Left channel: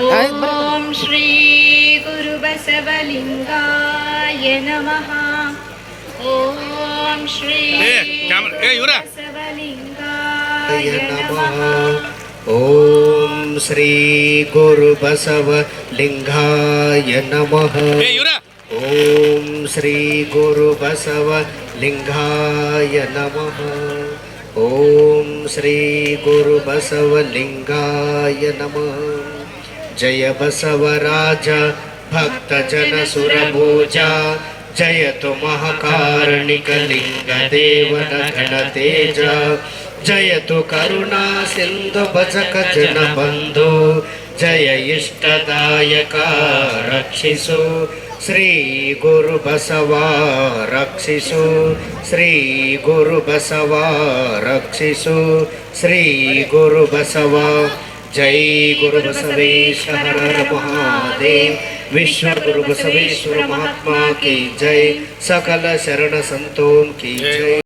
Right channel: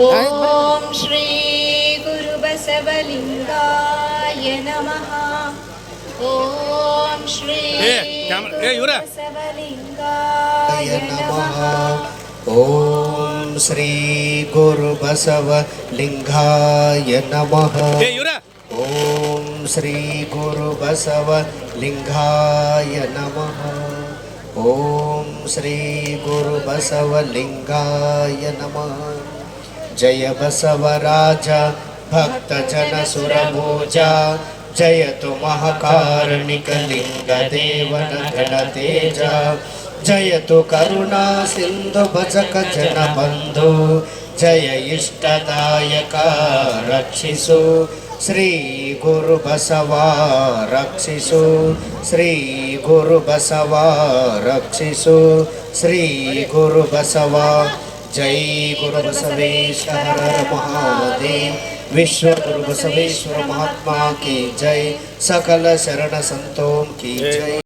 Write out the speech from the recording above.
ಓಂ ಶ್ರೀ ಗುರು ಬಸವಲಿಂಗಾಯ ನಮಃ. ಓಂ ಶ್ರೀ ಬಸವಲಿಂಗಾಯ ನಮಃ. ಓಂ ಶ್ರೀ ಗುರು ಬಸವಲಿಂಗಾಯ ನಮಃ. ಓಂ ಶ್ರೀ ಗುರು ಬಸವಲಿಂಗಾಯ ನಮಃ. ಓಂ ಶ್ರೀ ಗುರು ಬಸವಲಿಂಗಾಯ ನಮಃ. ಜಯ ಬಸವರಾಜ ಭಕ್ತ ಜನ ಸುರಭೋಜ ಜಯತು ಮಹಾಕಾರುಣಿಕ ಲಿಂಗ ದೇವನ ಗಣತೇಜ. ಜಯತು ಕರುಣಾ ಸಿಂಧು ಭಜಕ ಜನ ಬಂಧು ಜಯ ಇಷ್ಟದಾಯಕ ರಕ್ಷಿಸು ಶ್ರೀ ಗುರು ಬಸವ ರಕ್ಷಿಸು. ಶ್ರೀ ಗುರು ಬಸವ ರಕ್ಷಿಸು. ಶ್ರೀ ಗುರು ಬಸವ. ಜೈ ಗುರು ಬಸವೇಶ ಹರ ಮಹಾದೇವ್. विश्व गुरु बसवेश्वर महात्मा की जय. सकल शरण संतों की जय.